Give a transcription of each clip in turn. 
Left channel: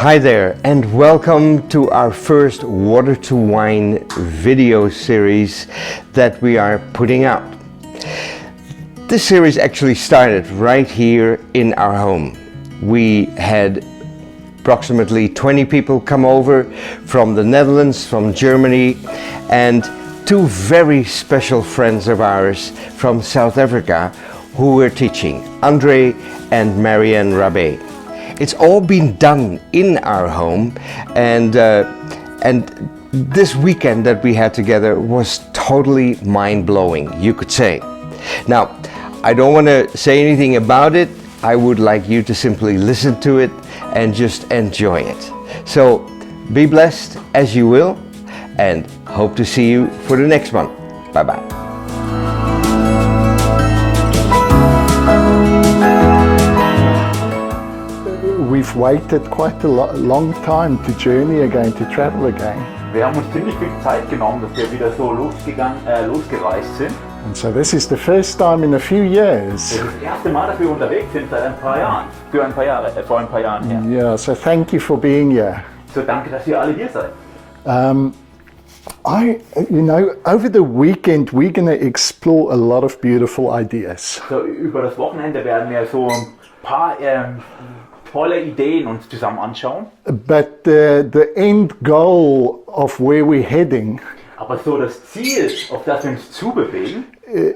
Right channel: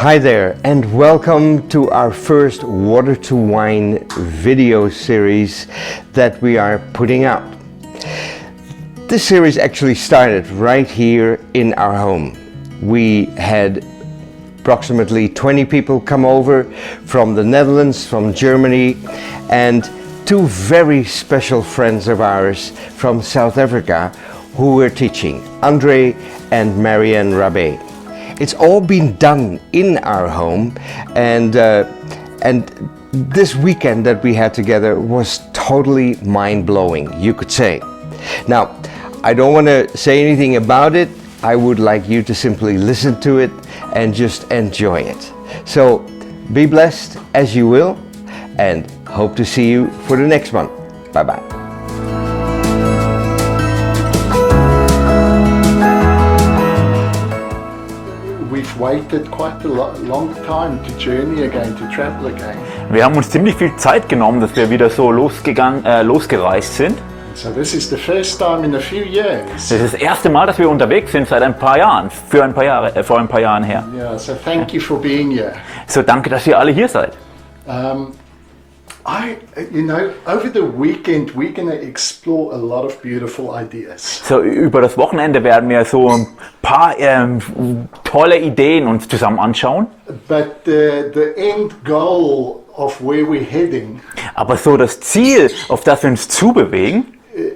Hi there, and welcome to our first Water to Wine video series that we are putting out. This series actually started right here in our home. We had approximately 20 people come over from the Netherlands, from Germany, and two very special friends of ours from South Africa who were teaching, André and Mary-Anne Rabe. It's all been done in our home, and this weekend that we had together was totally mind-blowing, you could say. Now, I don't want to say anything about it. I would like you to simply listen to it and just enjoy it. So be blessed as you will, and hope to see you for the next one. Bye-bye. We've waited quite a long time to journey again, to travel again. Wir haben uns ziemlich viel Zeit genommen, dass wir wieder so losgereist sind. And so this is the first time in a few years. Das ist das erste Mal, dass wir unterwegs sind seit ein paar Jahren, vor ein paar Jahren her. Yeah, so thank you for being here. So danke, dass ihr alle hier seid. Over the weekend we're going to explore a lot of beautiful ideas. So über das Wochenende werden wir so ein paar tolle Ideen uns zusammen anschauen. But the end goal of where we're heading Aber so das Ziel, auf das wir uns zubewegen,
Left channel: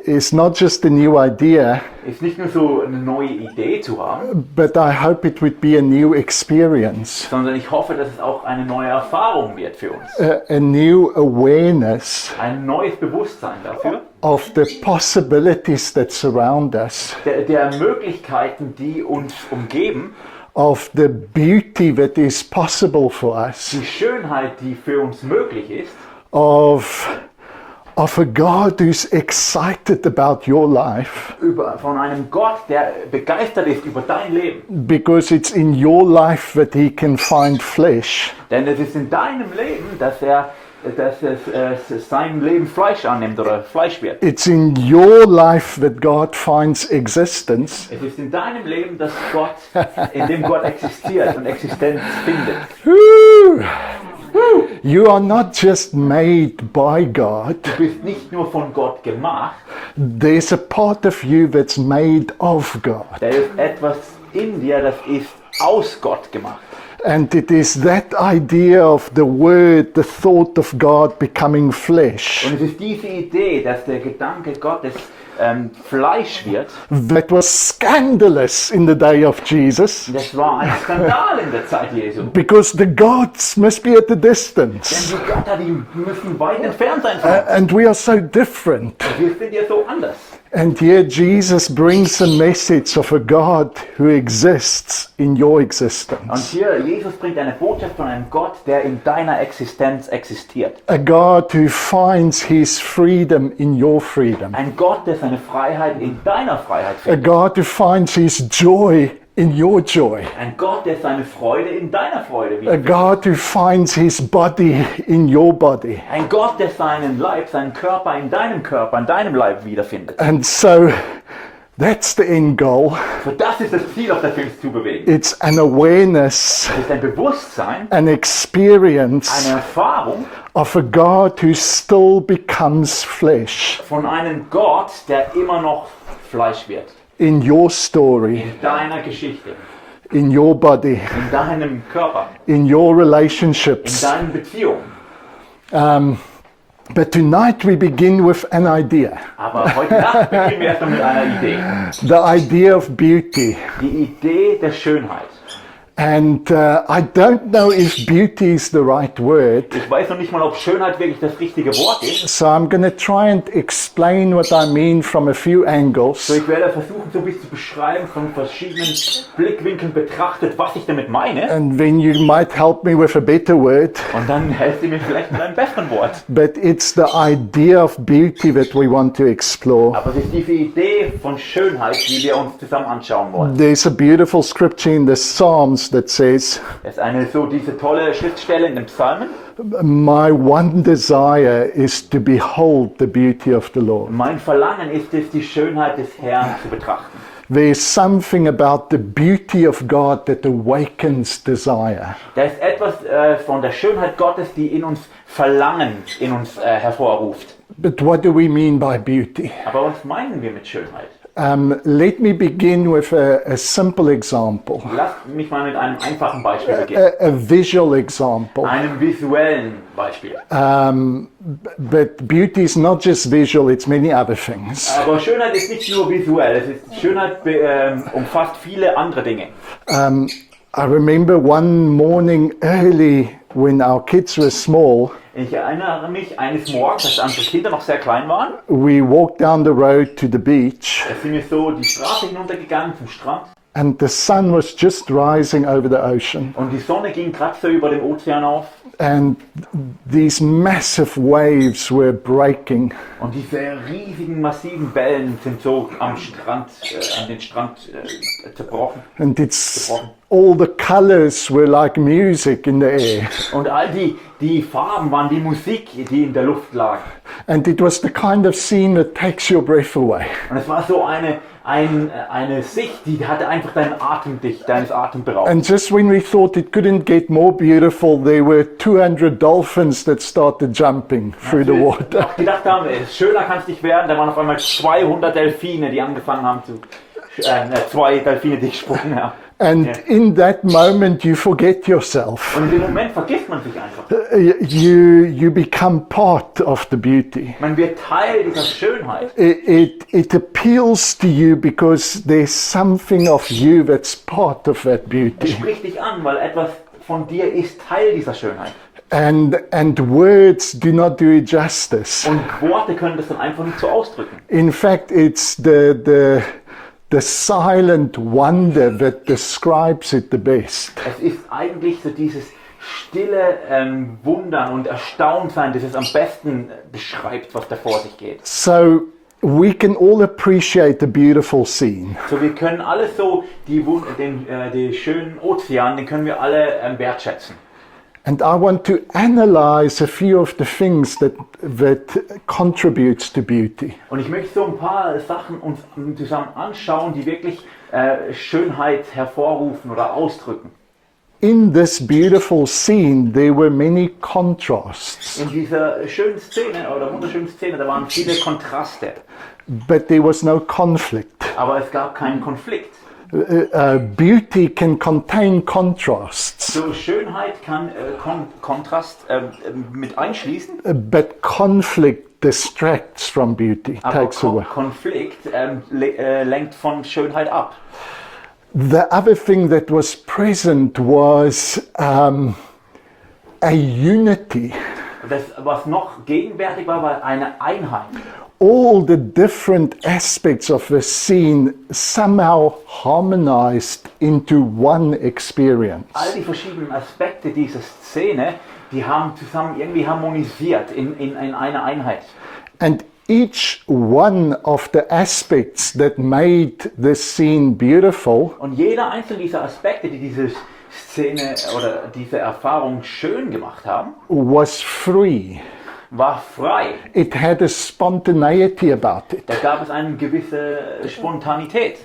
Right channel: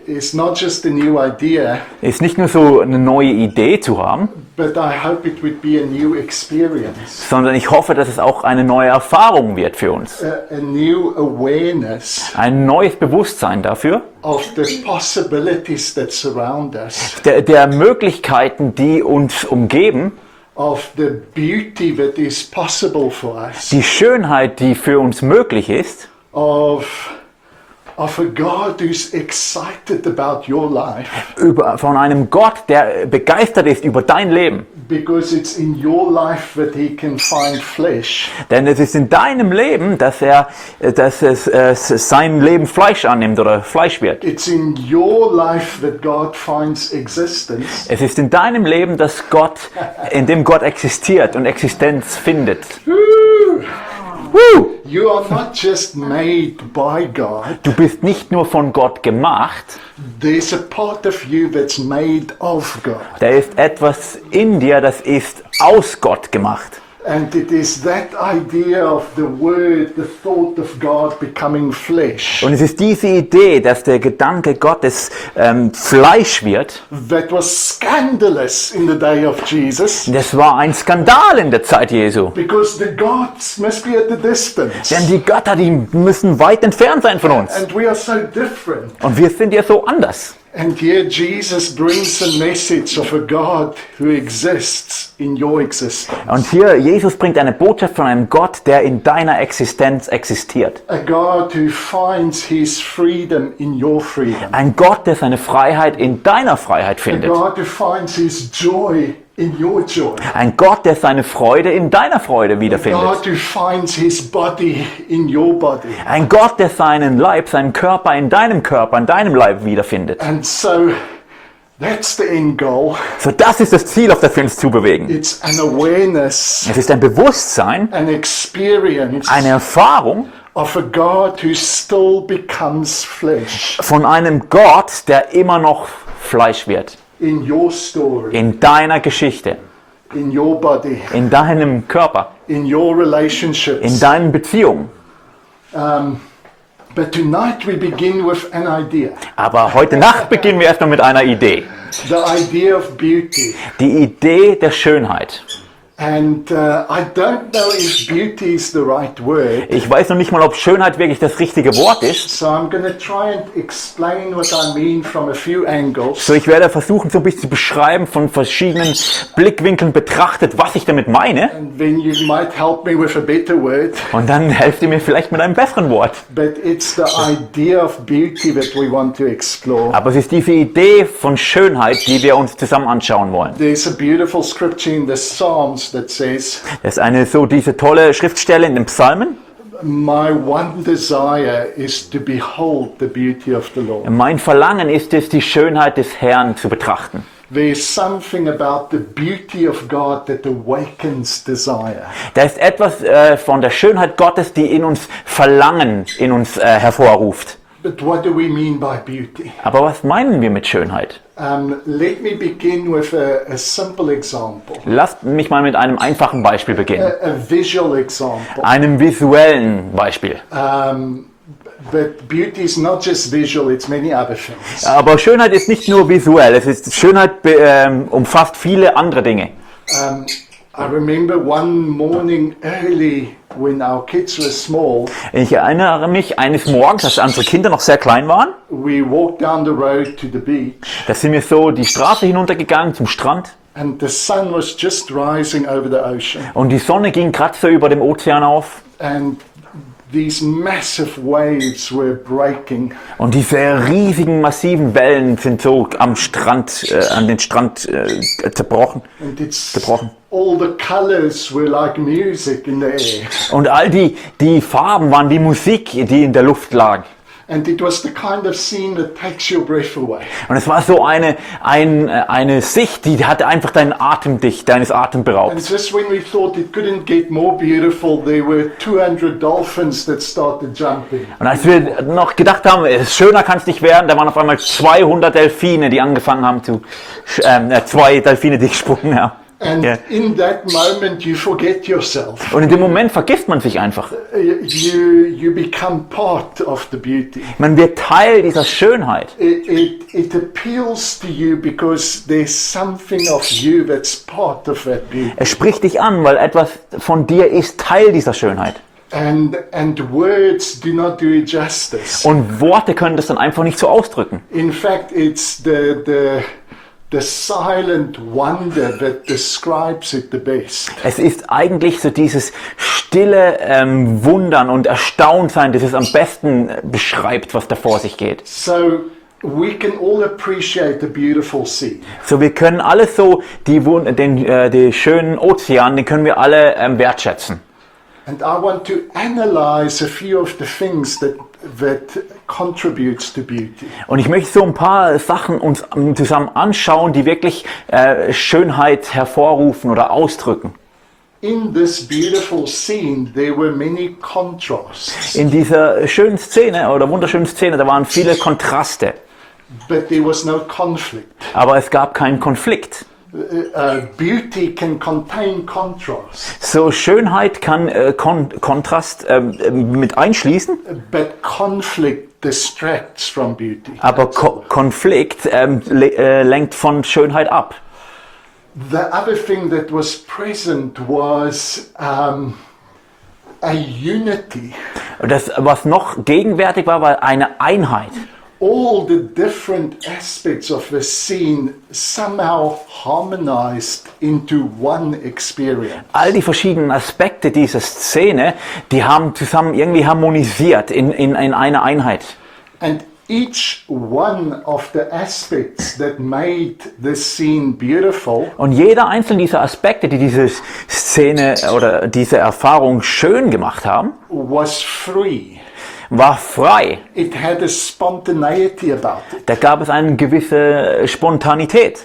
is not just a new idea, ist nicht nur so eine neue Idee zu haben, but I hope it would be a new experience, sondern ich hoffe, dass es auch eine neue Erfahrung wird für uns. a new awareness Ein neues Bewusstsein dafür, of the possibilities that surround us, der Möglichkeiten, die uns umgeben, of the beauty that is possible for us, die Schönheit, die für uns möglich ist, of a God who's excited about your life, von einem Gott, der begeistert ist über dein Leben. because it's in your life that he can find flesh. Denn es ist in deinem Leben, dass sein Leben Fleisch annimmt oder Fleisch wird. It's in your life that God finds existence. Es ist in deinem Leben, in dem Gott existiert und Existenz findet. You are not just made by God. Du bist nicht nur von Gott gemacht, There's a part of you that's made of God. da ist etwas in dir, das ist aus Gott gemacht. And it is that idea of the word, the thought of God becoming flesh, Und es ist diese Idee, dass der Gedanke Gottes Fleisch wird. that was scandalous in the day of Jesus. Das war ein Skandal in der Zeit Jesu. Because the gods must be at a distance. Denn die Götter, die müssen weit entfernt sein von uns. And we are so different. Und wir sind ja so anders. And here Jesus brings a message of a God who exists in your existence. Und hier, Jesus bringt eine Botschaft von einem Gott, der in deiner Existenz existiert. A God who finds his freedom in your freedom. Ein Gott, der seine Freiheit in deiner Freiheit A findet. God who finds his joy in your joy. Ein Gott, der seine Freude in deiner Freude A wiederfindet. God who finds his body in your body. Ein Gott, der seinen Leib, seinen Körper in deinem Leib wiederfindet. And so that's the end goal. So, das ist das Ziel, auf das wir uns zubewegen. It's an awareness, Es ist ein Bewusstsein, an experience eine Erfahrung of a God who still becomes flesh von einem Gott, der immer noch Fleisch wird. in your story, In deiner Geschichte, in your body, in deinem Körper, in your in relationships. deinen Beziehungen. But tonight we begin with an idea. Aber heute Nacht beginnen wir erstmal mit einer Idee. The idea of beauty. Die Idee der Schönheit. And I don't know if beauty is the right word. Ich weiß noch nicht mal, ob Schönheit wirklich das richtige Wort ist. So I'm going to try and explain what I mean from a few angles. So, ich werde versuchen, so ein bisschen zu beschreiben, von verschiedenen Blickwinkeln betrachtet, was ich damit meine. And then you might help me with a better word. Und dann helft ihr mir vielleicht mit einem besseren Wort. But it's the idea of beauty that we want to explore. Aber es ist diese Idee von Schönheit, die wir uns zusammen anschauen wollen. There's a beautiful scripture in the Psalms that says, Das ist diese tolle Schriftstelle in den Psalmen. My one desire is to behold the beauty of the Lord. Mein Verlangen ist es, die Schönheit des Herrn zu betrachten. There's something about the beauty of God that awakens desire. Da ist etwas von der Schönheit Gottes, die in uns Verlangen in uns hervorruft. But what do we mean by beauty? Aber was meinen wir mit Schönheit? Let me begin with a simple example, Lasst mich mal mit einem einfachen Beispiel beginnen. a visual example. Einem visuellen Beispiel. But beauty is not just visual, it's many other things. Aber Schönheit ist nicht nur visuell, Schönheit umfasst viele andere Dinge. I remember one morning early when our kids were small, Ich erinnere mich eines Morgens, als unsere Kinder noch sehr klein waren, we walked down the road to the beach da sind wir so die Straße hinuntergegangen zum Strand and the sun was just rising over the ocean. und die Sonne ging gerade so über dem Ozean auf And these massive waves were breaking. und diese riesigen, massiven Wellen sind so am Strand, an den Strand zerbrochen. And it's Gebrochen. all the colors were like music in the air. Und all die Farben waren wie Musik, die in der Luft lag. And it was the kind of scene that takes your breath away. Und es war so eine Sicht, die hatte einfach deinen Atem dicht, deines Atem beraubt. And just when we thought it couldn't get more beautiful, there were 200 dolphins that started jumping Und als through the wir water. noch gedacht haben, schöner kann es nicht werden, da waren auf einmal 200 Delfine, die angefangen haben zwei Delfine, die gesprungen haben. And Ja. in that moment you forget yourself. Und in dem Moment vergisst man sich einfach. You become part of the beauty. Man wird Teil dieser Schönheit. It appeals to you because there's something of you that's part of that beauty. Es spricht dich an, weil etwas von dir ist Teil dieser Schönheit. And words do not do it justice. Und Worte können das dann einfach nicht so ausdrücken. In fact, it's the silent wonder that describes it the best. Es ist eigentlich so dieses stille Wundern und Erstauntsein, das es am besten beschreibt, was da vor sich geht. So we can all appreciate the beautiful scene. So, wir können alles so, den schönen Ozean, den können wir alle wertschätzen. And I want to analyze a few of the things that contributes to beauty. Und ich möchte so ein paar Sachen uns zusammen anschauen, die wirklich Schönheit hervorrufen oder ausdrücken. In this beautiful scene, there were many contrasts, In dieser schönen Szene oder wunderschönen Szene, da waren viele Kontraste, but there was no conflict. aber es gab keinen Konflikt. Beauty can contain contrasts, So, Schönheit kann Kontrast mit einschließen, but conflict distracts from beauty. aber takes away. Konflikt lenkt von Schönheit ab. The other thing that was present was a unity. Das, was noch gegenwärtig war, war eine Einheit. All the different aspects of the scene somehow harmonized into one experience. All die verschiedenen Aspekte dieser Szene, die haben zusammen irgendwie harmonisiert in eine Einheit. And each one of the aspects that made the scene beautiful Und jeder einzelne dieser Aspekte, die diese Szene oder diese Erfahrung schön gemacht haben, was free. war frei. It had a spontaneity about it. Da gab es eine gewisse Spontanität.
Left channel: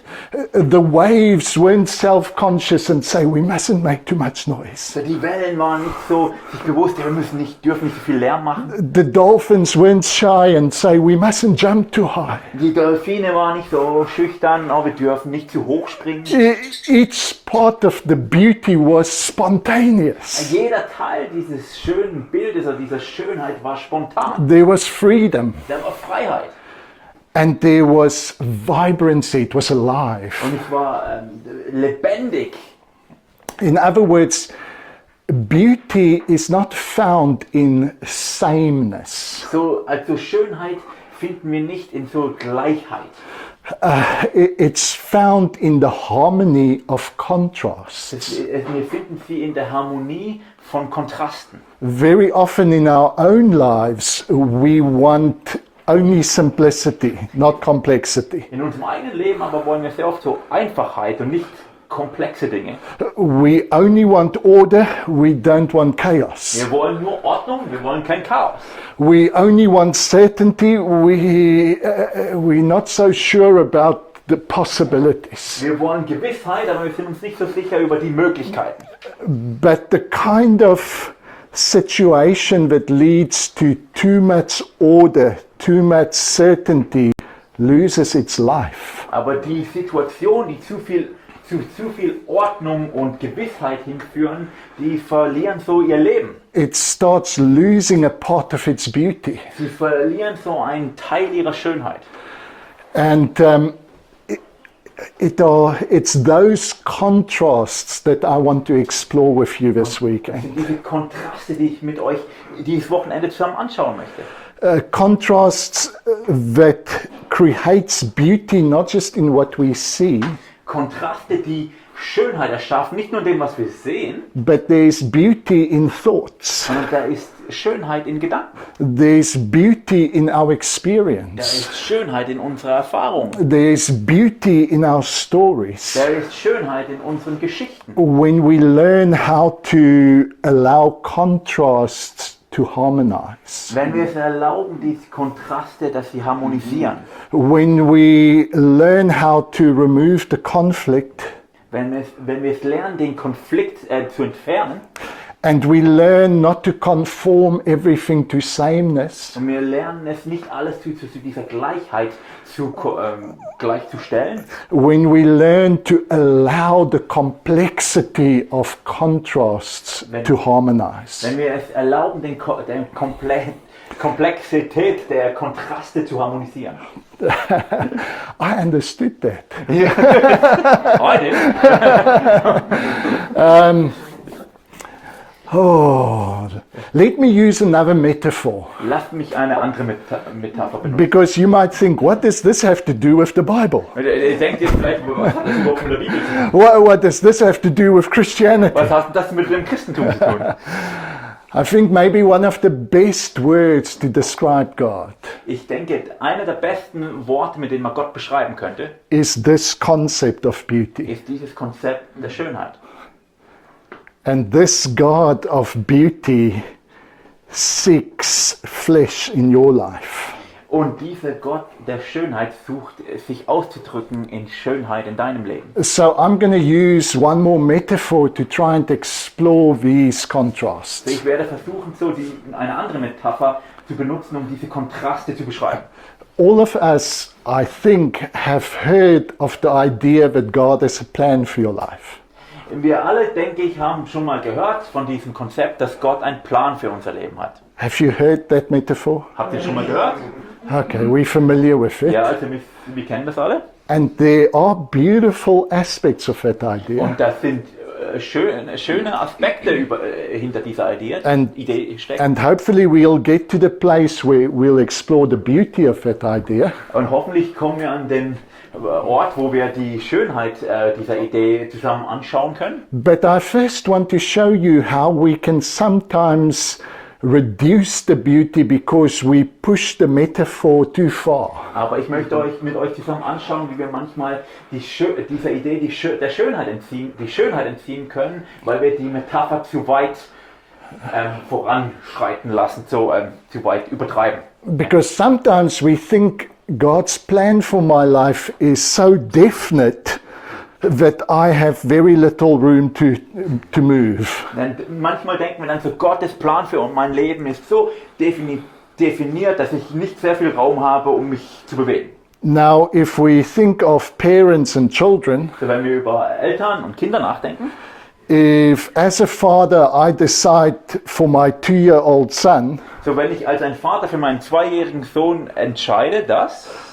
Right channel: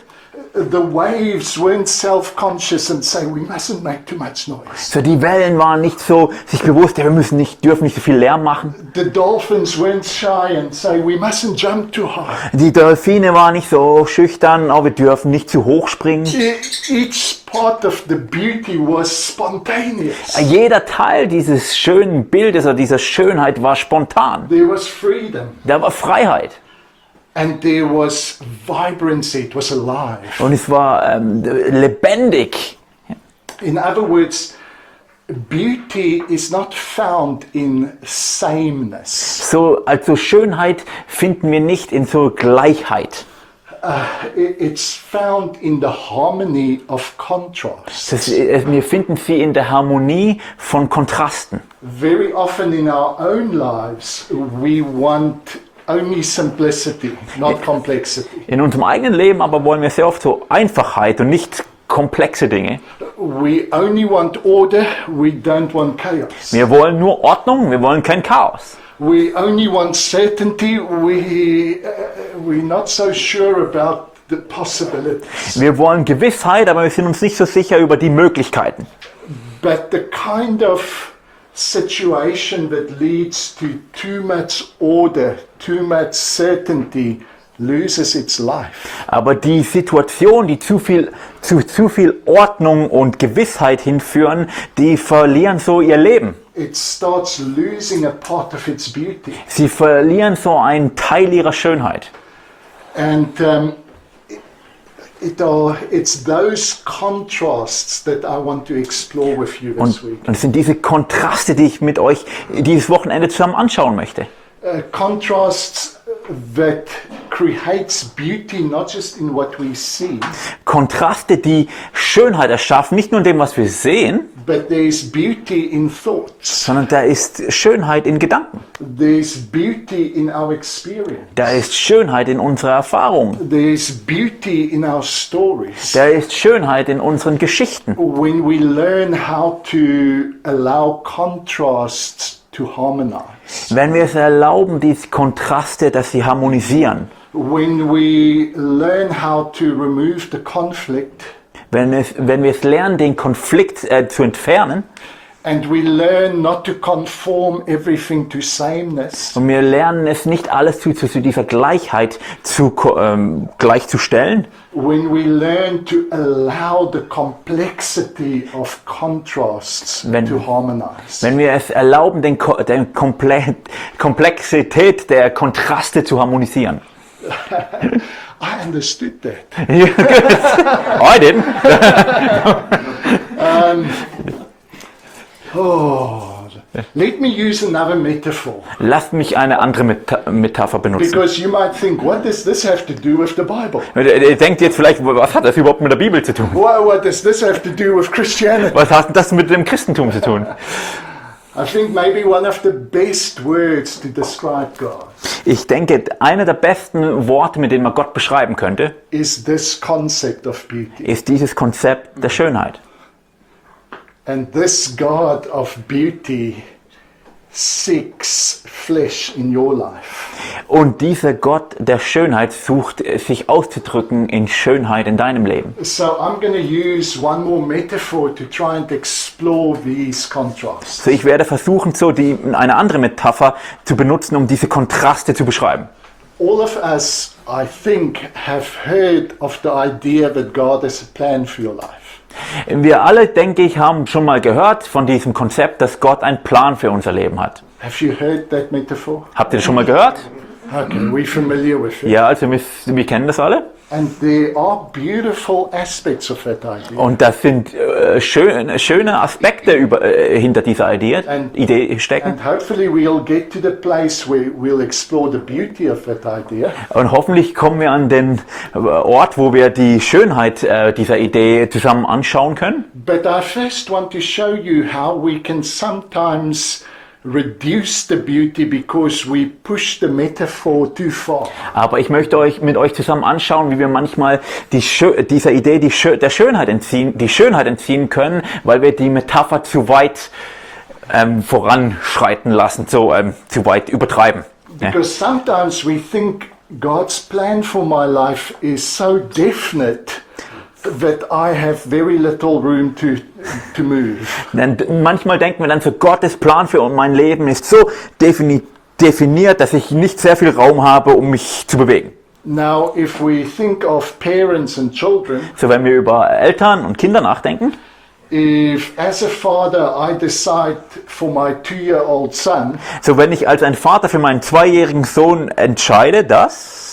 The waves weren't self-conscious and say we mustn't make too much noise. So, die Wellen waren nicht so sich bewusst, ja, wir dürfen nicht so viel Lärm machen. The dolphins weren't shy and say we mustn't jump too high. Die Delfine waren nicht so schüchtern, oh, wir dürfen nicht zu hoch springen. Each part of the beauty was spontaneous. Jeder Teil dieses schönen Bildes oder dieser Schönheit war spontan. There was freedom Da war Freiheit. and there was vibrancy. It was alive. Und es war lebendig. In other words, beauty is not found in sameness. So, also Schönheit finden wir nicht in so Gleichheit. It's found in the harmony of contrast. Wir finden sie in der Harmonie von Kontrasten. Very often in our own lives, we want only simplicity, not complexity. In unserem eigenen Leben aber wollen wir sehr oft so Einfachheit und nicht komplexe Dinge. We only want order, we don't want chaos. Wir wollen nur Ordnung, wir wollen kein Chaos. We only want certainty, we're not so sure about the possibilities. Wir wollen Gewissheit, aber wir sind uns nicht so sicher über die Möglichkeiten. But the kind of situation that leads to too much order, too much certainty, loses its life. Aber die Situation, die zu viel Ordnung und Gewissheit hinführen, die verlieren so ihr Leben. It starts losing a part of its beauty. Sie verlieren so einen Teil ihrer Schönheit. And it's those contrasts that I want to explore with you this week. Und es sind diese Kontraste, die ich mit euch dieses Wochenende zusammen anschauen möchte. Contrasts that creates beauty not just in what we see, Kontraste, die Schönheit erschaffen, nicht nur in dem, was wir sehen, but there's beauty in thoughts. sondern da ist Schönheit in Gedanken. There's beauty in our experience. Da ist Schönheit in unserer Erfahrung. There's beauty in our stories. Da ist Schönheit in unseren Geschichten. When we learn how to allow contrasts to harmonize. Wenn wir es erlauben, diese Kontraste, dass sie harmonisieren. When we learn how to remove the conflict. Wenn wir es lernen, den Konflikt zu entfernen. And we learn not to conform everything to sameness. Und wir lernen es nicht alles zu dieser Gleichheit gleichzustellen. When we learn to allow the complexity of contrasts to harmonize. Wenn wir es erlauben, den Komplexität der Kontraste zu harmonisieren. I understood that. I didn't. Let me use another metaphor. Lasst mich eine andere Metapher benutzen. Because you might think, what does this have to do with the Bible? Ihr denkt jetzt vielleicht, was hat das überhaupt mit der Bibel zu tun? What does this have to do with Christianity? Was hat das mit dem Christentum zu tun? I think maybe one of the best words to describe God Ich denke, einer der besten Worte, mit denen man Gott beschreiben könnte, is this concept of beauty. ist dieses Konzept der Schönheit. And this God of beauty seeks flesh in your life. Und dieser Gott der Schönheit sucht, sich auszudrücken in Schönheit in deinem Leben. So I'm going to use one more metaphor to try and explore these contrasts. So, ich werde versuchen, eine andere Metapher zu benutzen, um diese Kontraste zu beschreiben. All of us, I think, have heard of the idea that God has a plan for your life. Wir alle, denke ich, haben schon mal gehört von diesem Konzept, dass Gott einen Plan für unser Leben hat. Have you heard that metaphor? Habt ihr das schon mal gehört? Okay, we're familiar with it. Ja, also wir kennen das alle. And there are beautiful aspects of that idea. Und das sind schöne Aspekte hinter dieser Idee stecken. And hopefully we'll get to the place where we'll explore the beauty of that idea. Und hoffentlich kommen wir an den Ort, wo wir die Schönheit dieser Idee zusammen anschauen können. But I first want to show you how we can sometimes reduce the beauty because we push the metaphor too far. Aber ich möchte mit euch zusammen anschauen, wie wir manchmal dieser Idee die Schönheit entziehen können, weil wir die Metapher zu weit voranschreiten lassen, zu weit übertreiben. Because sometimes we think God's plan for my life is so definite that I have very little room to move. Denn manchmal denken wir dann so, Gottes Plan für mein Leben ist so definiert, dass ich nicht sehr viel Raum habe, um mich zu bewegen. Now, if we think of parents and children, So, wenn wir über Eltern und Kinder nachdenken, if as a father I decide for my 2-year-old son, so wenn ich als ein Vater für meinen 2-jährigen Sohn entscheide, dass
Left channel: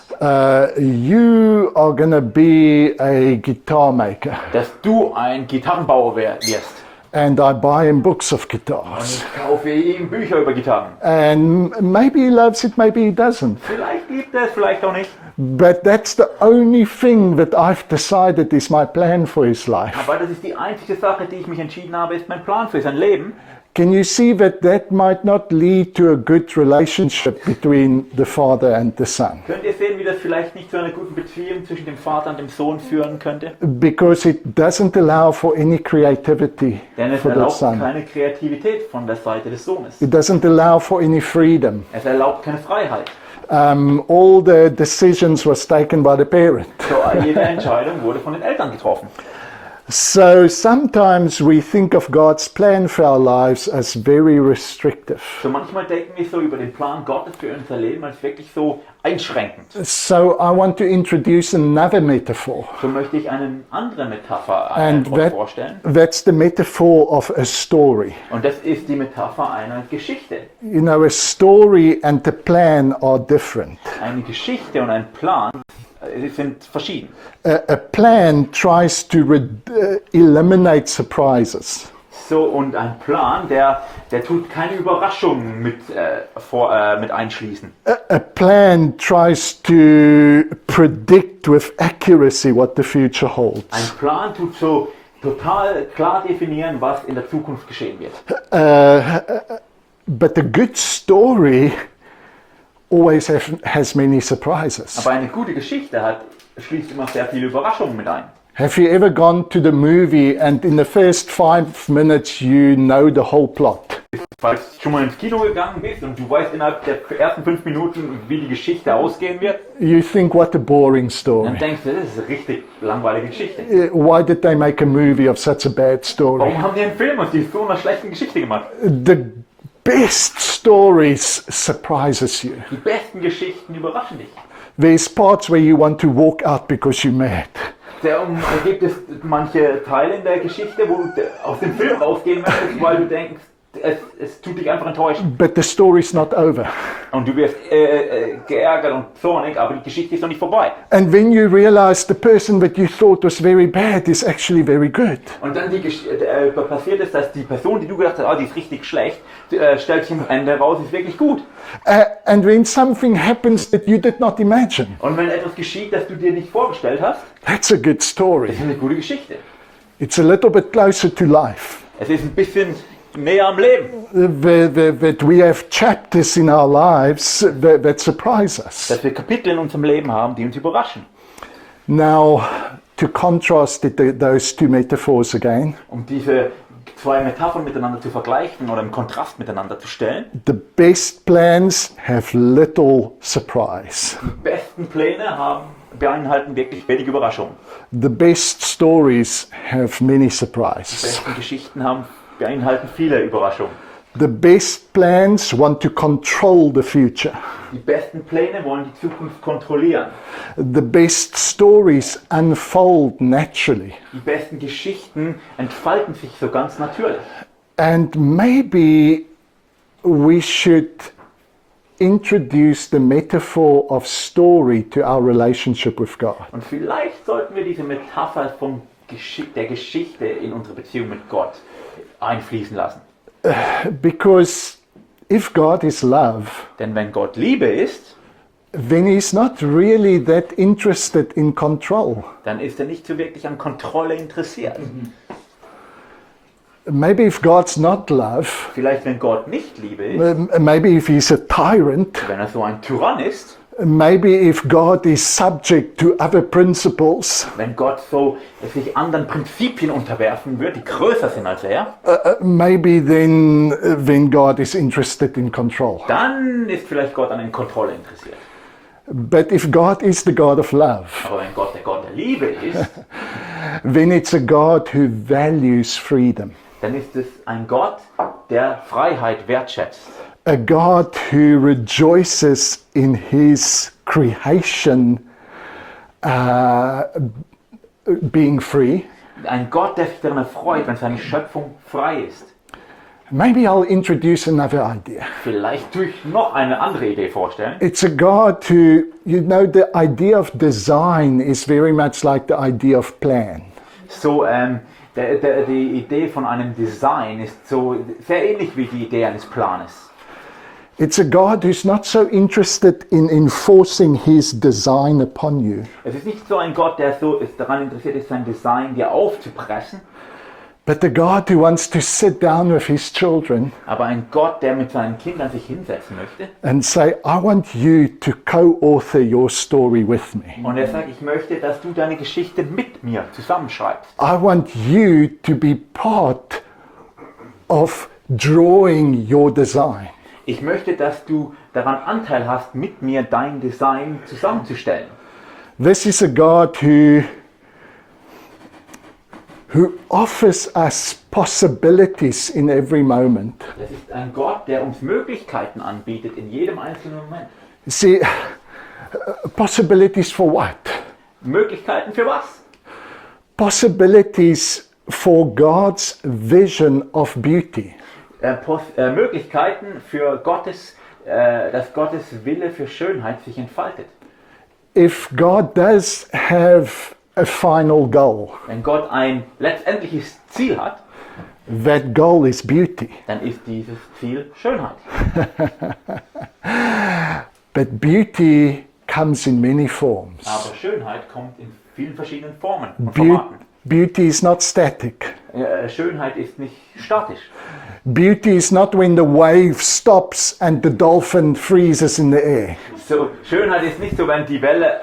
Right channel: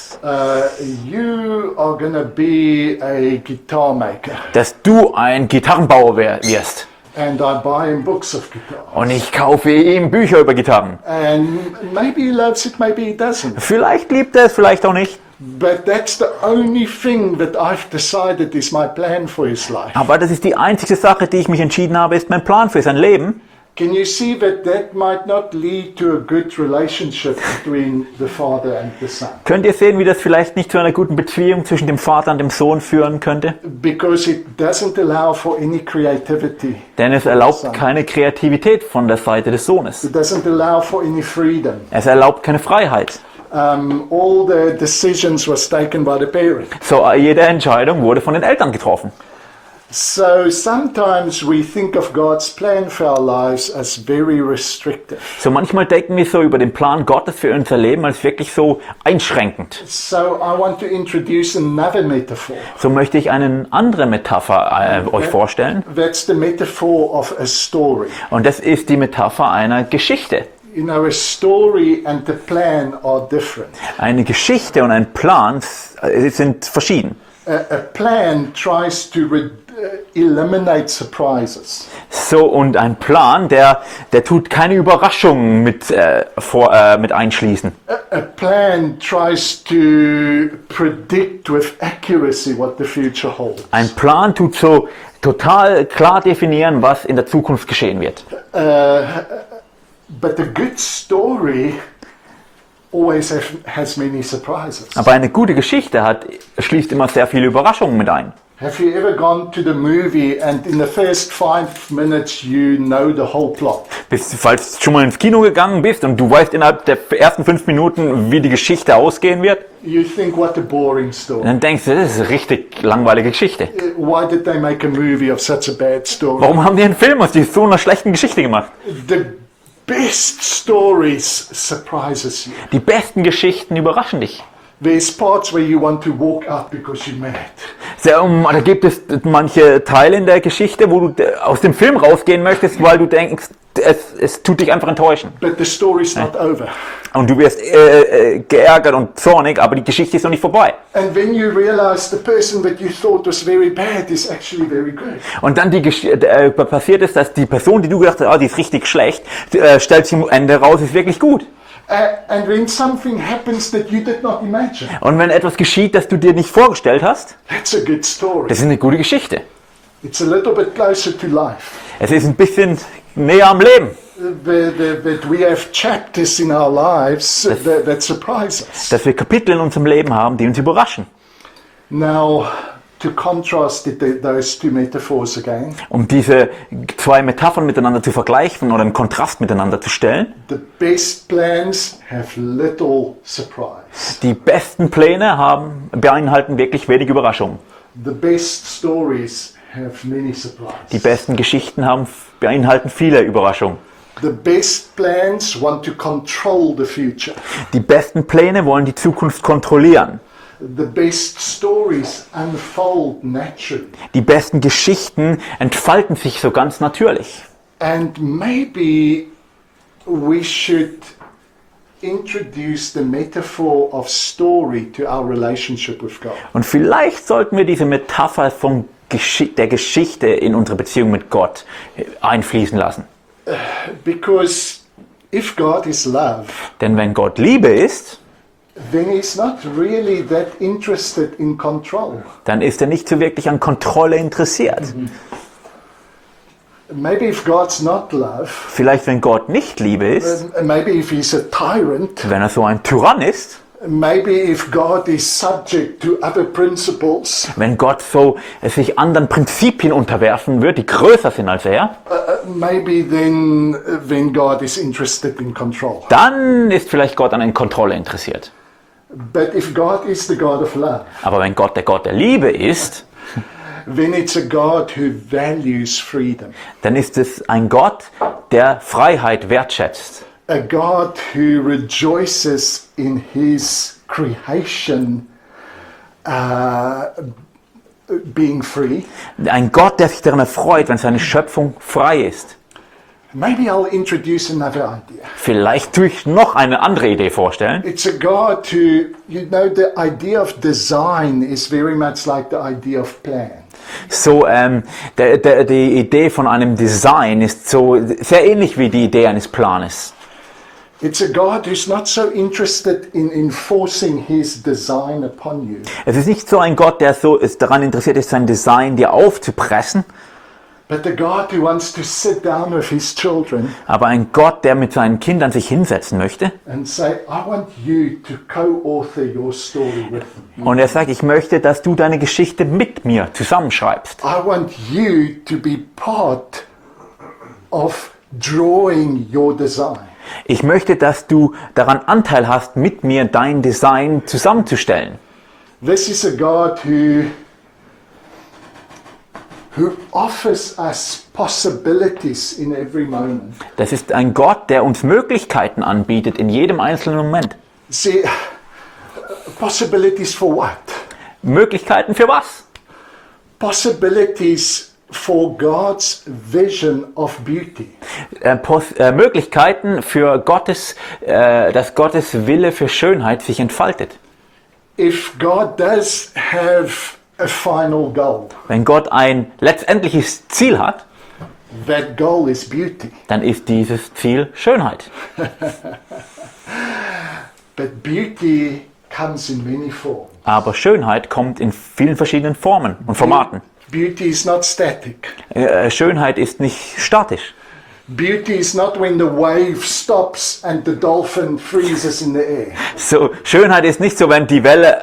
you are gonna be a guitar maker, du ein Gitarrenbauer wirst. and I buy him books of guitars. Und ich kaufe ihm Bücher über Gitarren. And maybe he loves it, maybe he doesn't. Vielleicht liebt er es, vielleicht auch nicht. But that's the only thing that I've decided is my plan for his life. Aber das ist die einzige Sache, die ich mich entschieden habe, ist mein Plan für sein Leben. Can you see that might not lead to a good relationship between the father and the son? Könnt ihr sehen, wie das vielleicht nicht zu einer guten Beziehung zwischen dem Vater und dem Sohn führen könnte? Because it doesn't allow for any creativity. Denn es for the erlaubt son. keine Kreativität von der Seite des Sohnes. It doesn't allow for any freedom. Es erlaubt keine Freiheit. All the decisions was taken by the parent. So, jede Entscheidung wurde von den Eltern getroffen. So sometimes we think of God's plan for our lives as very restrictive. So manchmal denken wir so über den Plan Gottes für unser Leben als wirklich so einschränkend. So I want to introduce another metaphor. So möchte ich eine andere Metapher euch vorstellen. That's the metaphor of a story. Und das ist die Metapher einer Geschichte. You know, a story and the plan are different. Eine Geschichte und ein Plan sind verschieden. A plan tries to eliminate surprises. So, und ein Plan, der tut keine Überraschungen mit einschließen. A plan tries to predict with accuracy what the future holds. Ein Plan tut so total klar definieren, was in der Zukunft geschehen wird. But a good story always has many surprises. Aber eine gute Geschichte schließt immer sehr viele Überraschungen mit ein. Have you ever gone to the movie and in the first 5 minutes you know the whole plot? Falls du schon mal ins Kino gegangen bist und du weißt innerhalb der ersten 5 Minuten, wie die Geschichte ausgehen wird, You think, what a boring story. dann denkst du, das ist eine richtig langweilige Geschichte. Why did they make a movie of such a bad story? Warum haben die einen Film aus so einer schlechten Geschichte gemacht? The best stories surprises you. Die besten Geschichten überraschen dich. There's parts where you want to walk out because you're mad. Da gibt es manche Teile in der Geschichte, wo du aus dem Film rausgehen möchtest, weil du denkst, es tut dich einfach enttäuschen. But the story's not over. Und du wirst geärgert und zornig, aber die Geschichte ist noch nicht vorbei. And then you realize the person that you thought was very bad is actually very good. Und dann passiert ist, dass die Person, die du gedacht hast, die ist richtig schlecht, stellt sich am Ende raus, ist wirklich gut. And when something happens that you did not imagine, Und wenn etwas geschieht, das du dir nicht vorgestellt hast, that's a good story. das ist eine gute Geschichte. It's a little bit closer to life. Es ist ein bisschen näher am Leben. That we have chapters in our lives that surprise us. Dass wir Kapitel in unserem Leben haben, die uns überraschen. Now, to contrast those two metaphors again, Um diese zwei Metaphern miteinander zu vergleichen oder einen Kontrast miteinander zu stellen. the best plans have little surprise. Die besten Pläne beinhalten wirklich wenig Überraschung. The best stories have many Die surprises. besten Geschichten beinhalten viele Überraschungen. The best plans want to control the future. Die besten Pläne wollen die Zukunft kontrollieren. The best stories unfold naturally. Die besten Geschichten entfalten sich so ganz natürlich. And maybe we should introduce the metaphor of story to our relationship with God. Und vielleicht sollten wir diese Metapher der Geschichte in unsere Beziehung mit Gott einfließen lassen. Because if God is love, Denn wenn Gott Liebe ist, then he's not really that interested in control. dann ist er nicht so wirklich an Kontrolle interessiert. Maybe if God's not love, Vielleicht wenn Gott nicht Liebe ist, maybe if he's a tyrant, wenn er so ein Tyrann ist, maybe if God is subject to other principles, wenn Gott sich anderen Prinzipien unterwerfen wird, die größer sind als er, maybe then God is interested in control. dann ist vielleicht Gott an Kontrolle interessiert. But if God is the God of love, Aber wenn Gott der Liebe ist, then it's a God who values freedom. dann ist es ein Gott, der Freiheit wertschätzt. A God who rejoices in his creation being free. Ein Gott, der sich daran erfreut, wenn seine Schöpfung frei ist. Maybe I'll introduce another idea. Vielleicht tue ich noch eine andere Idee vorstellen. It's a God who, you know, the idea of design is very much like the idea of plan. So, die Idee von einem Design ist so sehr ähnlich wie die Idee eines Planes. It's a God who's not so interested in enforcing his design upon you, Es ist nicht so ein Gott, der daran interessiert ist, sein Design dir aufzupressen, but a God who wants to sit down with his children aber ein Gott, der mit seinen Kindern sich hinsetzen möchte. and say, I want you to co-author your story with me. Und er sagt, ich möchte, dass du deine Geschichte mit mir zusammenschreibst. I want you to be part of drawing your design. Ich möchte, dass du daran Anteil hast, mit mir dein Design zusammenzustellen. This is a God who offers us possibilities in every moment. Das ist ein Gott, der uns Möglichkeiten anbietet in jedem einzelnen Moment. See, possibilities for what? Möglichkeiten für was? Possibilities for God's vision of beauty. Möglichkeiten für Gottes, dass Gottes Wille für Schönheit sich entfaltet. If God does have a final goal, Wenn Gott ein letztendliches Ziel hat, that goal is beauty. dann ist dieses Ziel Schönheit. But beauty comes in many forms. Aber Schönheit kommt in vielen verschiedenen Formen und Formaten. Beauty is not static. Schönheit ist nicht statisch. Beauty is not when the wave stops and the dolphin freezes in the air. So, Schönheit ist nicht so, wenn die Welle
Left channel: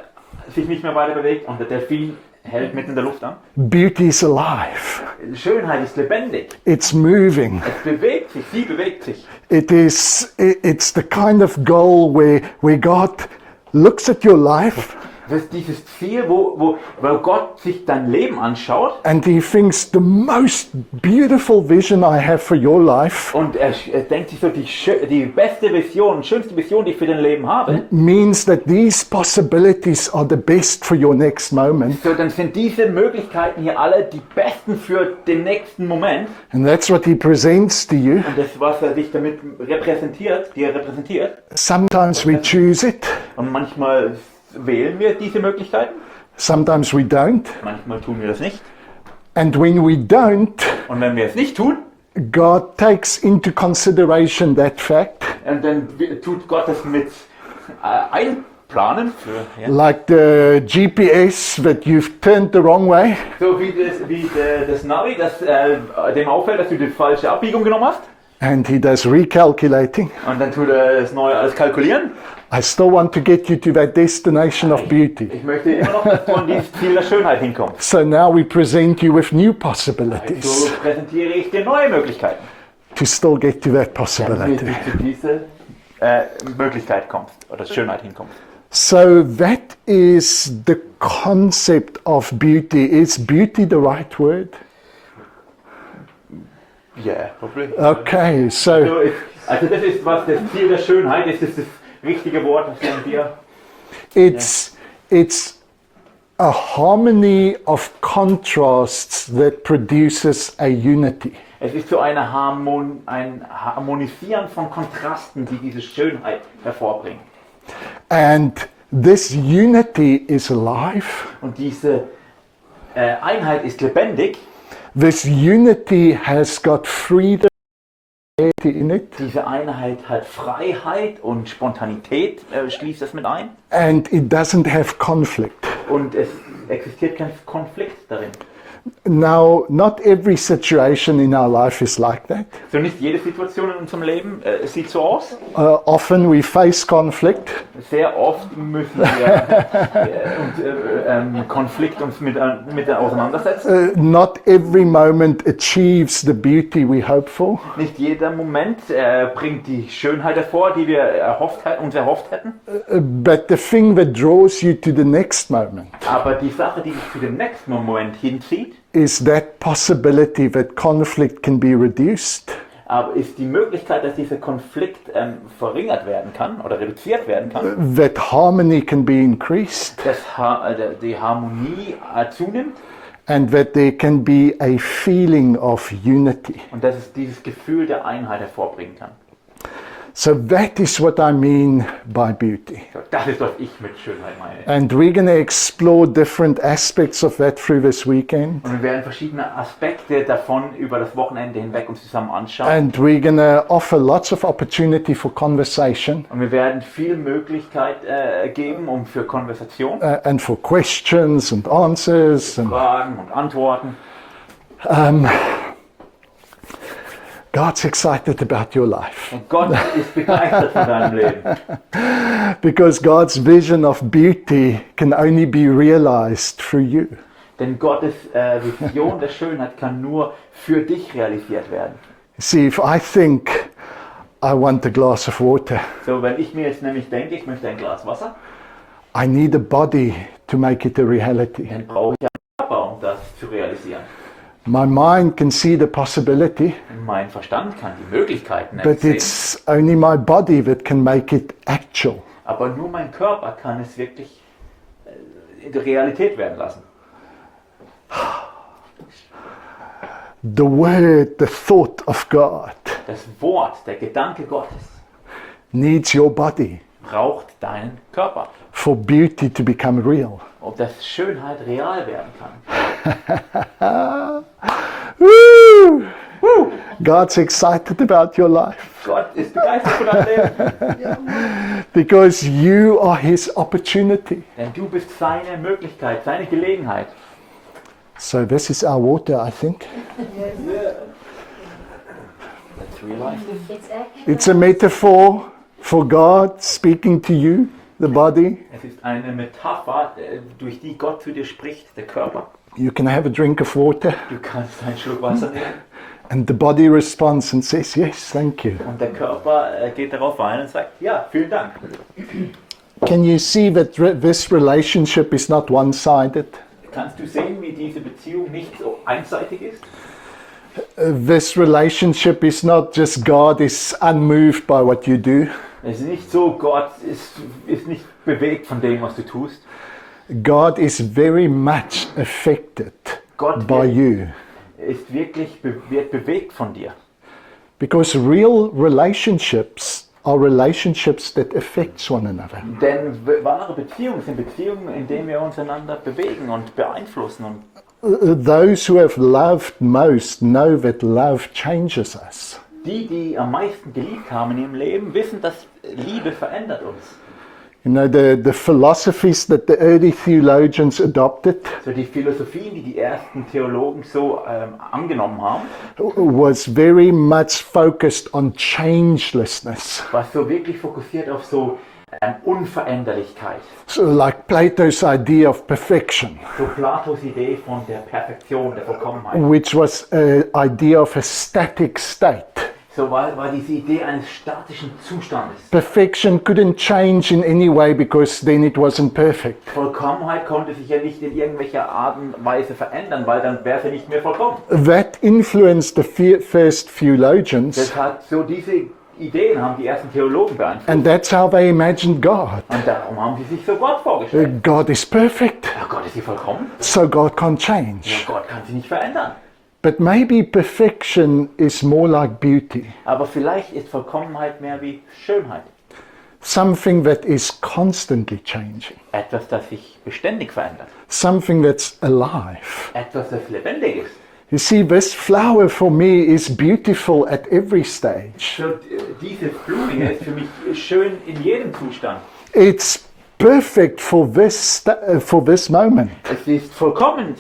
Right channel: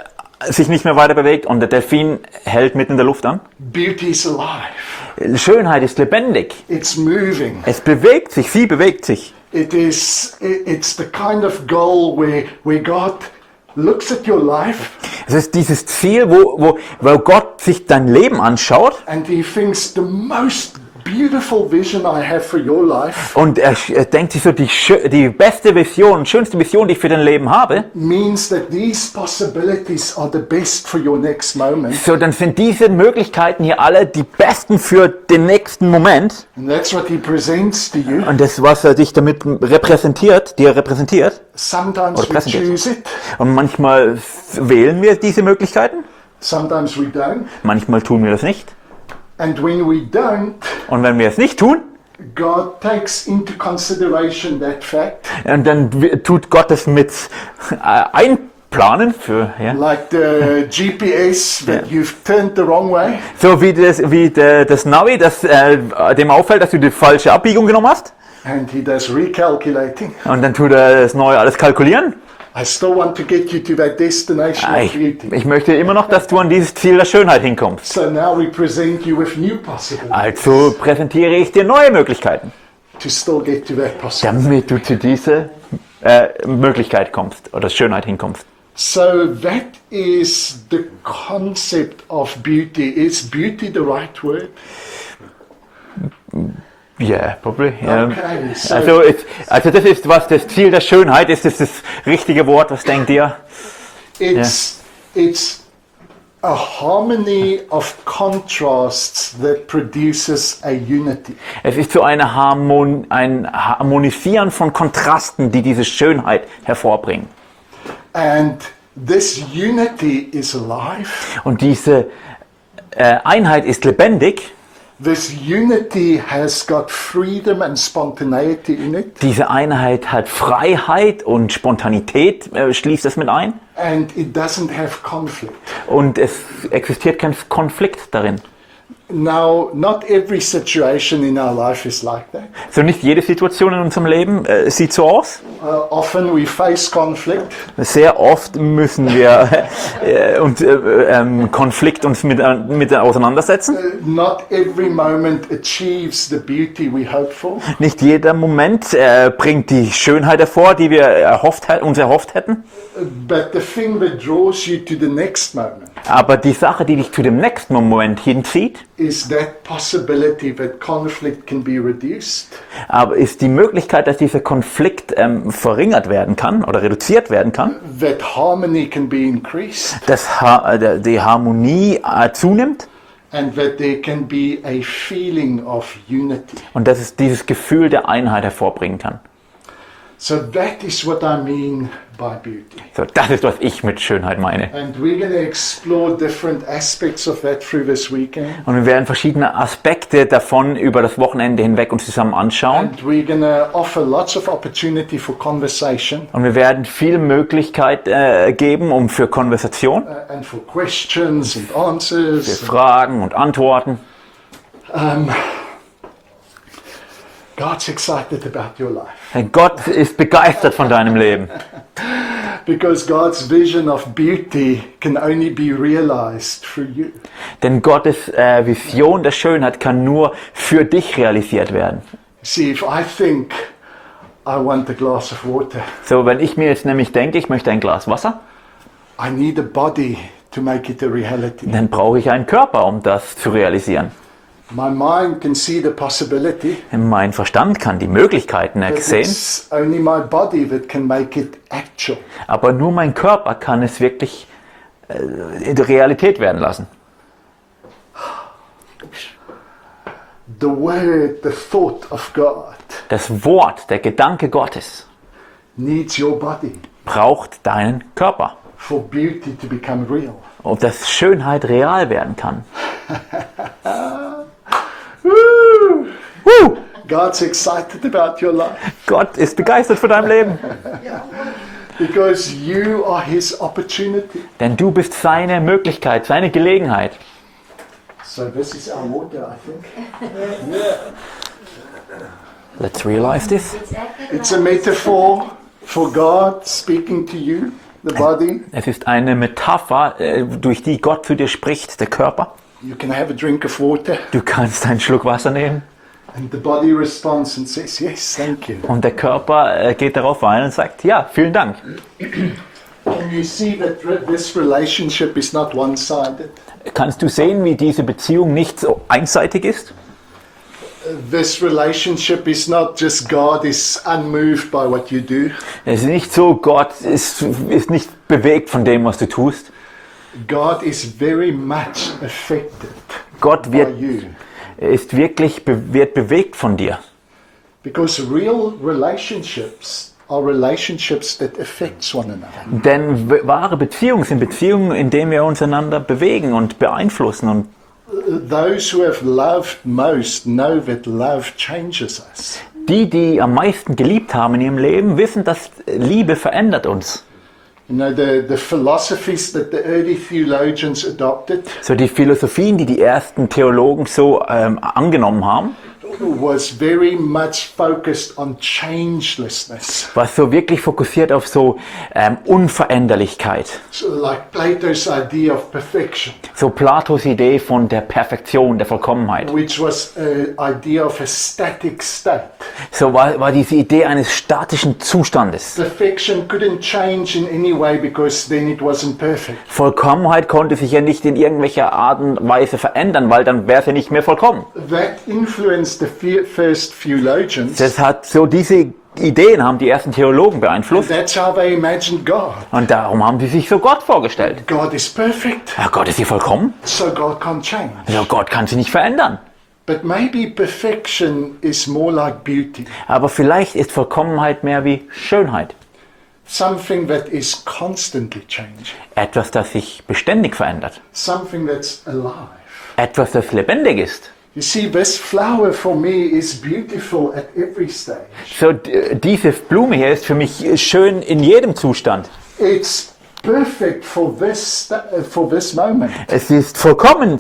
sich nicht mehr weiter bewegt und der Delfin hält mitten in der Luft an. Beauty is alive. Schönheit ist lebendig. It's moving. Es bewegt sich, sie bewegt sich. It's the kind of goal where God looks at your life Es ist dieses Ziel, wo Gott sich dein Leben anschaut and he thinks the most beautiful vision I have for your life und er denkt sich so, die beste Vision, schönste Vision, die ich für dein Leben habe. means that these possibilities are the best for your next moment. So, dann sind diese Möglichkeiten hier alle die besten für den nächsten Moment. And that's what he presents to you. Und das, was er dich damit repräsentiert, Sometimes we choose it, Und manchmal wählen wir diese Möglichkeiten, sometimes we don't. manchmal tun wir das nicht. And when we don't, Und wenn wir es nicht tun, God takes into consideration that fact, und dann tut Gott es mit einplanen für, ja. like the GPS that you've turned the wrong way. So wie das Navi, das dem auffällt, dass du die falsche Abbiegung genommen hast. And he does recalculating. Und dann tut er das neu alles kalkulieren. I still want to get you to that destination of beauty. Ich möchte immer noch, dass du an dieses Ziel der Schönheit hinkommst. So now we present you with new possibilities Also präsentiere ich dir neue Möglichkeiten, to still get to that possibility. damit du zu dieser Möglichkeit kommst oder Schönheit hinkommst. So that is the concept of beauty. Is beauty the right word? Yeah, probably. Okay, so Also das ist was, das Ziel der Schönheit ist, das richtige Wort, was denkt ihr? it's a harmony of contrasts that produces a unity. Es ist so ein Harmonisieren von Kontrasten, die diese Schönheit hervorbringen. And this unity is alive. Und diese Einheit ist lebendig. This unity has got freedom and spontaneity in it. Diese Einheit hat Freiheit und Spontanität, schließt es mit ein. And it doesn't have conflict. Und es existiert kein Konflikt darin. Now, not every situation in our life is like that. So nicht jede Situation in unserem Leben sieht so aus. Often we face conflict. Sehr oft müssen wir Konflikt uns mit auseinandersetzen. Not every moment achieves the beauty we hope for. Nicht jeder Moment bringt die Schönheit hervor, die wir uns erhofft hätten. But the thing that draws you to the next moment Aber die Sache, die dich zu dem nächsten Moment hinzieht, is that possibility that conflict can be reduced. aber ist die Möglichkeit, dass dieser Konflikt verringert werden kann oder reduziert werden kann, That harmony can be increased. dass die Harmonie zunimmt And that there can be a feeling of unity. und dass es dieses Gefühl der Einheit hervorbringen kann. So that is what I mean by beauty. So, das ist, was ich mit Schönheit meine. And we're going to explore different aspects of that through this weekend. Und wir werden verschiedene Aspekte davon über das Wochenende hinweg uns zusammen anschauen. And we're going to offer lots of opportunity for conversation Und wir werden viel Möglichkeit geben, für Konversation, and for questions and answers. für Fragen und Antworten. God's excited about your life Denn Gott ist begeistert von deinem Leben. because God's vision of beauty can only be realized through you. Denn Gottes Vision der Schönheit kann nur für dich realisiert werden. See, if I think I want a glass of water. So, wenn ich mir jetzt nämlich denke, ich möchte ein Glas Wasser, I need a body to make it a reality. dann brauche ich einen Körper, um das zu realisieren. My mind can see the possibility, Mein Verstand kann die Möglichkeiten but sehen, it's only my body that can make it actual. aber nur mein Körper kann es wirklich in die Realität werden lassen. The word, the thought of God Das Wort, der Gedanke Gottes needs your body braucht deinen Körper, for beauty to become real. und dass Schönheit real werden kann. Woo! Woo! God's excited about your life Gott ist begeistert von deinem Leben, because you are His opportunity. denn du bist seine Möglichkeit, seine Gelegenheit. So this is our water, I think. Let's realize this. It's a metaphor for God speaking to you, the body. Es ist eine Metapher, durch die Gott zu dir spricht, der Körper. You can have a drink of water, Du kannst einen Schluck Wasser nehmen and the body responds and says, yes, thank you. und der Körper geht darauf ein und sagt, ja, vielen Dank. Can you see that this relationship is not one-sided? Kannst du sehen, wie diese Beziehung nicht so einseitig ist? This relationship is not just God is unmoved by what you do. Es ist nicht so, Gott ist nicht bewegt von dem, was du tust. God is very much affected Gott by you. ist wirklich wird bewegt von dir. Because real relationships are relationships that affect one another. Denn wahre Beziehungen sind Beziehungen, in denen wir uns einander bewegen und beeinflussen. Und Those who have loved most know that love changes us. die am meisten geliebt haben in ihrem Leben, wissen, dass Liebe verändert uns. You know, the philosophies that the early theologians adopted So die Philosophien, die ersten Theologen so angenommen haben, was very much focused on changelessness. war so wirklich fokussiert auf so Unveränderlichkeit. So like Plato's idea of perfection, So Platos Idee von der Perfektion, der Vollkommenheit. which was an idea of a static state. So war diese Idee eines statischen Zustandes. Perfection couldn't change in any way because then it wasn't perfect. Vollkommenheit konnte sich ja nicht in irgendwelcher Art und Weise verändern, weil dann wäre sie nicht mehr vollkommen. That influenced the first theologians, Das hat so diese Ideen haben die ersten Theologen and beeinflusst that's how they imagined God. und darum haben sie sich so Gott vorgestellt. God is perfect, Ja, Gott ist sie vollkommen? so God can't change. Ja, Gott kann sie nicht verändern. But maybe perfection is more like beauty, Aber vielleicht ist Vollkommenheit mehr wie Schönheit. something that is constantly changing, Etwas, das sich beständig verändert. something that's alive. Etwas, das lebendig ist. You see, this flower for me is beautiful at every stage. So, diese Blume hier ist für mich schön in jedem Zustand. It's perfect for this moment. Sie ist vollkommen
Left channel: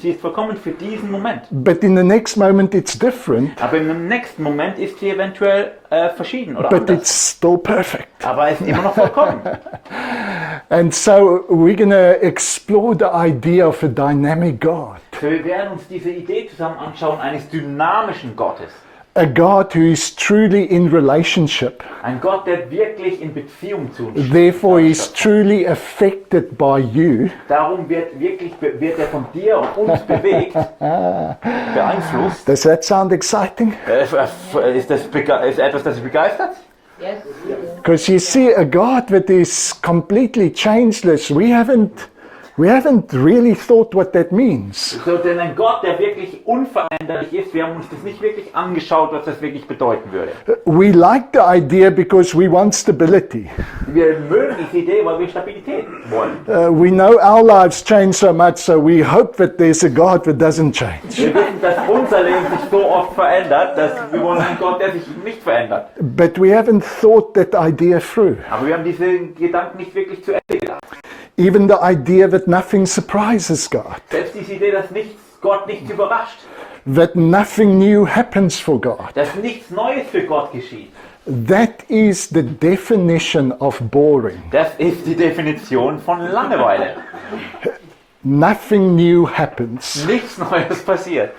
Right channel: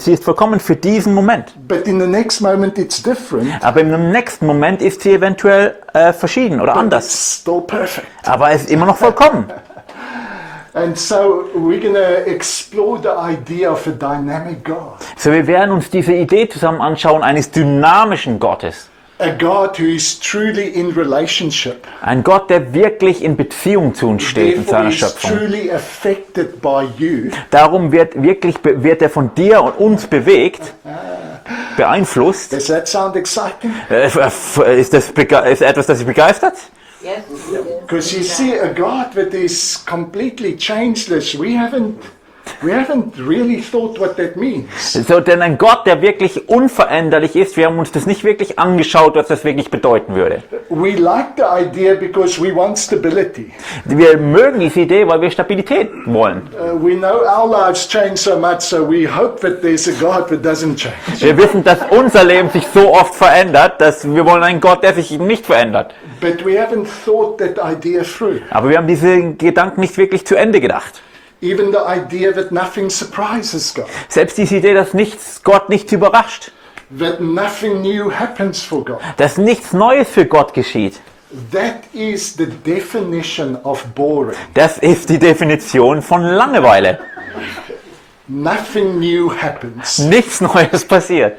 für diesen Moment. But in the next moment it's different. Aber im nächsten Moment ist sie eventuell verschieden oder But anders. it's still perfect. Aber es ist immer noch vollkommen. And so we're going to explore the idea of a dynamic God. So, wir werden uns diese Idee zusammen anschauen eines dynamischen Gottes. A God who is truly in relationship. Ein Gott, der wirklich in Beziehung zu uns steht in Therefore seiner he's Schöpfung. truly affected by you. Darum wird er von dir und uns bewegt, beeinflusst. Does that sound exciting? Ist etwas, das Sie begeistert? Because you see, a God that is completely changeless, we haven't really thought what that means. So, denn ein Gott, der wirklich unveränderlich ist, wir haben uns das nicht wirklich angeschaut, was das wirklich bedeuten würde. We like the idea because we want stability. Wir mögen diese Idee, weil wir Stabilität wollen. We know our lives change so much, so we hope that there's a God that doesn't change. Wir wissen, dass unser Leben sich so oft verändert, dass wir wollen einen Gott, der sich nicht verändert. But we haven't thought that idea through. Aber wir haben diese Gedanken nicht wirklich zu Ende gedacht. Even the idea that nothing surprises God, Selbst diese Idee, dass Gott nichts überrascht, that nothing new happens for God. dass nichts Neues für Gott geschieht. That is the definition of boring. Das ist die Definition von Langeweile. Nothing new happens. Nichts Neues passiert.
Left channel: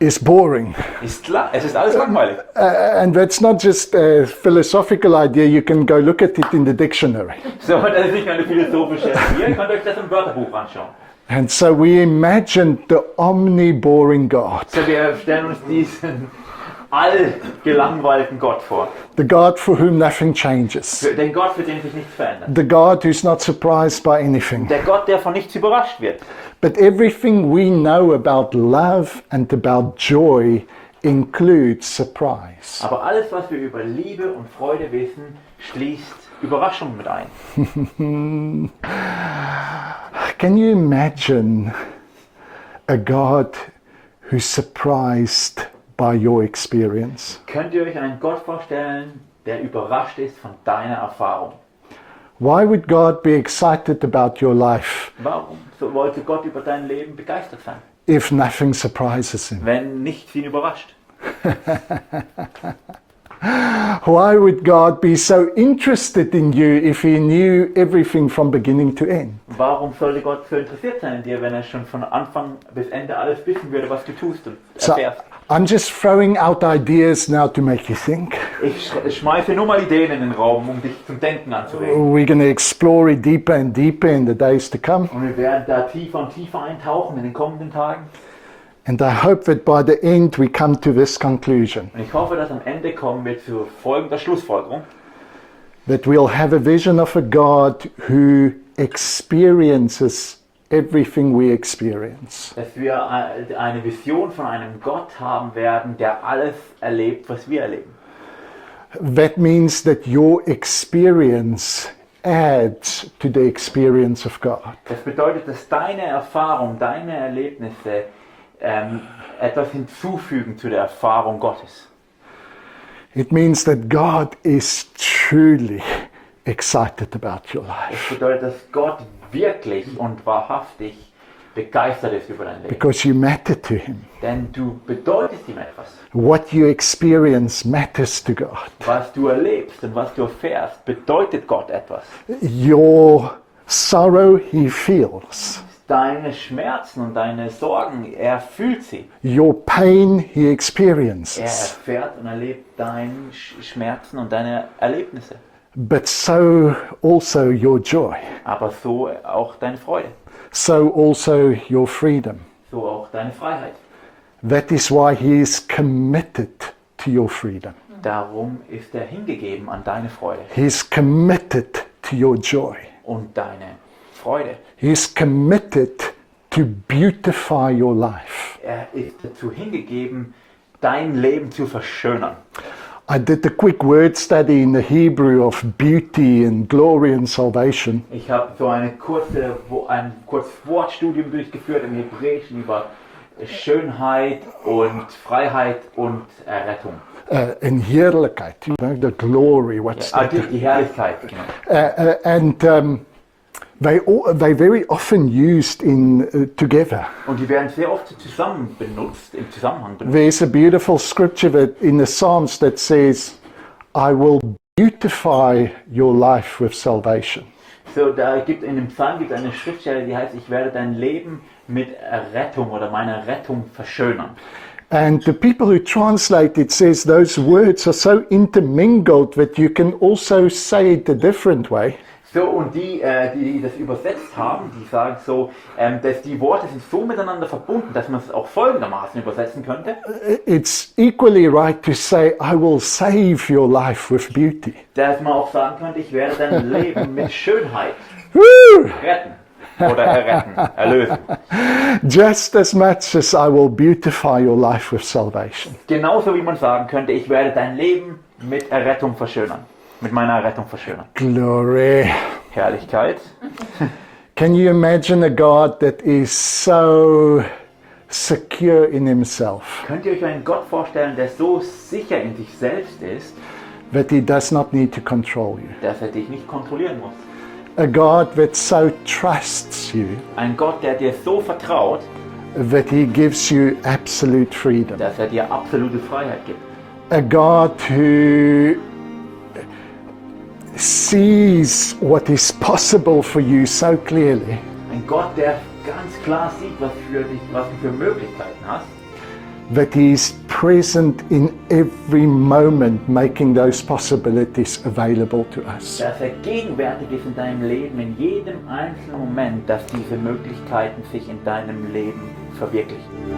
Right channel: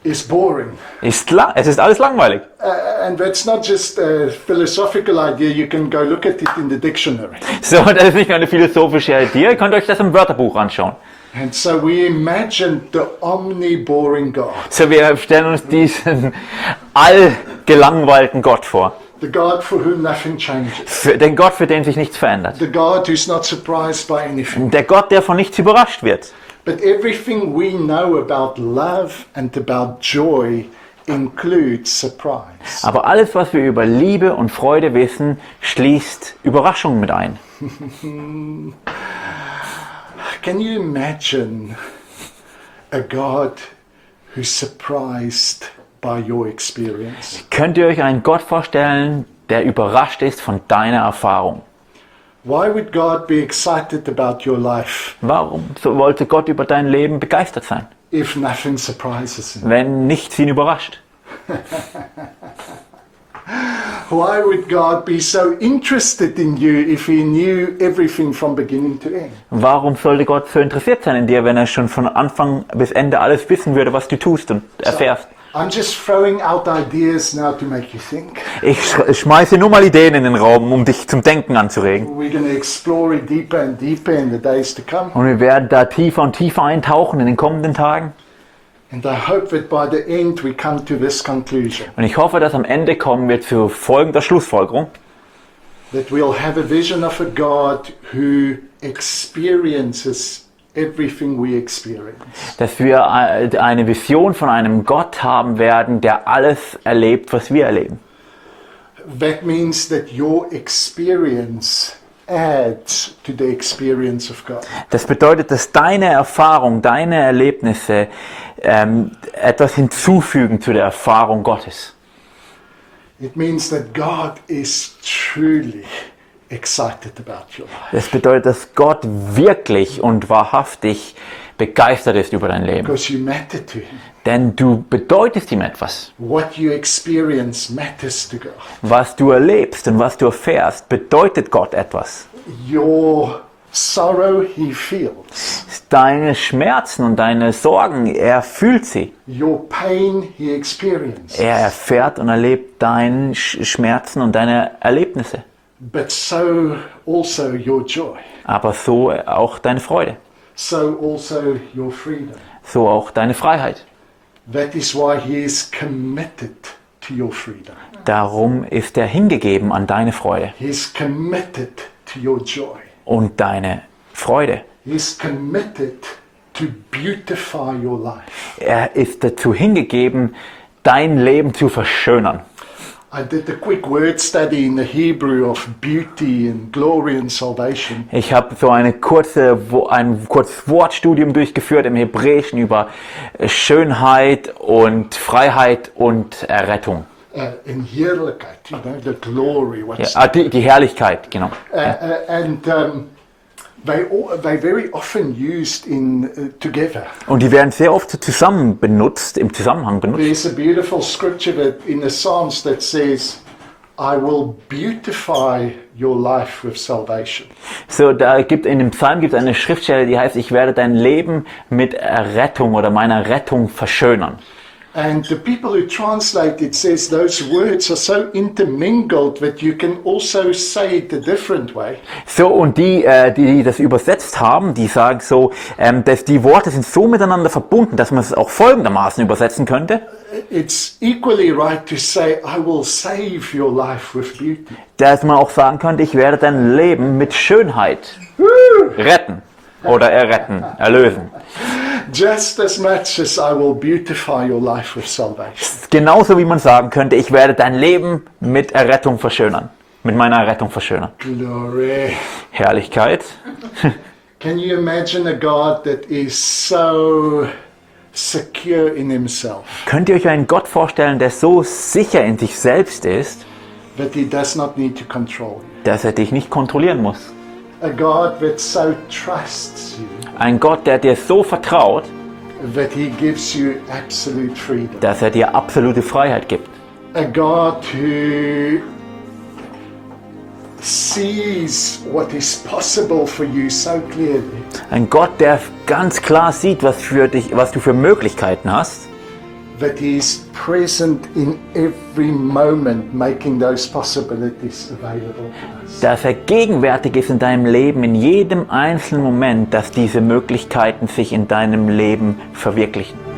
is boring. Es ist alles langweilig. And that's not just a philosophical idea, you can go look at it in the dictionary. So, das ist nicht nur eine philosophische Idee, ihr könnt euch das im Wörterbuch anschauen. And so we imagine the omni-boring God. So, wir stellen uns diesen allgelangweilten Gott vor. The God for whom nothing changes. Den Gott, für den sich nichts verändert. The God who's not surprised by anything. Der Gott, der von nichts überrascht wird. But everything we know about love and about joy includes surprise. Aber alles, was wir über Liebe und Freude wissen, schließt Überraschung mit ein. Can you imagine a God who's surprised by your experience? Könnt ihr euch einen Gott vorstellen, der überrascht ist von deiner Erfahrung? Why would God be excited about your life Warum wollte Gott über dein Leben begeistert sein, if nothing surprises him? wenn nichts ihn überrascht? Why would God be so interested in you if he knew everything from beginning to end? Warum sollte Gott so interessiert sein in dir, wenn er schon von Anfang bis Ende alles wissen würde, was du tust und erfährst? I'm just throwing out ideas now to make you think. Ich schmeiße nur mal Ideen in den Raum, um dich zum Denken anzuregen. We're going to explore it deeper and deeper in the days to come. Und wir werden da tiefer und tiefer eintauchen in den kommenden Tagen. And I hope that by the end we come to this conclusion. Und ich hoffe, dass am Ende kommen wir zu folgender Schlussfolgerung. That we'll have a vision of a God who experiences everything we experience. Dass wir eine Vision von einem Gott haben werden, der alles erlebt, was wir erleben. That means that your experience adds to the experience of God. Das bedeutet, dass deine Erfahrung, deine Erlebnisse etwas hinzufügen zu der Erfahrung Gottes. It means that God is truly excited about your life. Das bedeutet, dass Gott wirklich und wahrhaftig begeistert ist über dein Leben. Because you matter to him. Denn du bedeutest ihm etwas. What you experience matters to God. Was du erlebst und was du erfährst, bedeutet Gott etwas. Your sorrow he feels. Deine Schmerzen und deine Sorgen, er fühlt sie. Your pain he experiences. Er erfährt und erlebt deine Schmerzen und deine Erlebnisse. But so also your joy. Aber so auch deine Freude. So also your freedom. So auch deine Freiheit. That is why he is committed to your freedom. Darum ist er hingegeben an deine Freude He is committed to your joy. und deine Freude. He is committed to beautify your life. Er ist dazu hingegeben, dein Leben zu verschönern. I did a quick word study in the Hebrew of beauty and glory and salvation. Ich habe so ein kurzes Wortstudium durchgeführt im Hebräischen über Schönheit und Freiheit und Errettung. In Heerlijkheid, you know, the glory. What's Die Herrlichkeit, genau. and they very often used in together. Und die werden sehr oft zusammen benutzt, im Zusammenhang benutzt. There's a beautiful scripture that in the Psalms that says, "I will beautify your life with salvation." So, in dem Psalm gibt es eine Schriftstelle, die heißt, ich werde dein Leben mit Errettung oder meiner Rettung verschönern. And the people who translate it says those words are so intermingled that you can also say it a different way. So, und die das übersetzt haben, die sagen so, dass die Worte sind so miteinander verbunden, dass man es auch folgendermaßen übersetzen könnte. It's equally right to say, I will save your life with beauty. Dass man auch sagen könnte, ich werde dein Leben mit Schönheit retten. Oder erretten, erlösen. Just as much as I will beautify your life with salvation. Genauso wie man sagen könnte, ich werde dein Leben mit Errettung verschönern. Mit meiner Errettung verschönern. Glory. Herrlichkeit. Can you imagine a God that is so secure in himself Könnt ihr euch einen Gott vorstellen, der so sicher in sich selbst ist, that he does not need to control you? dass er dich nicht kontrollieren muss? A God that so trusts you Ein Gott, der dir so vertraut, that he gives you absolute freedom. dass er dir absolute Freiheit gibt. A God who sees what is possible for you so clearly Ein Gott, der ganz klar sieht, was du für Möglichkeiten hast, that He is present in every moment, making those possibilities available to us. Dass er gegenwärtig ist in deinem Leben, in jedem einzelnen Moment, dass diese Möglichkeiten sich in deinem Leben verwirklichen.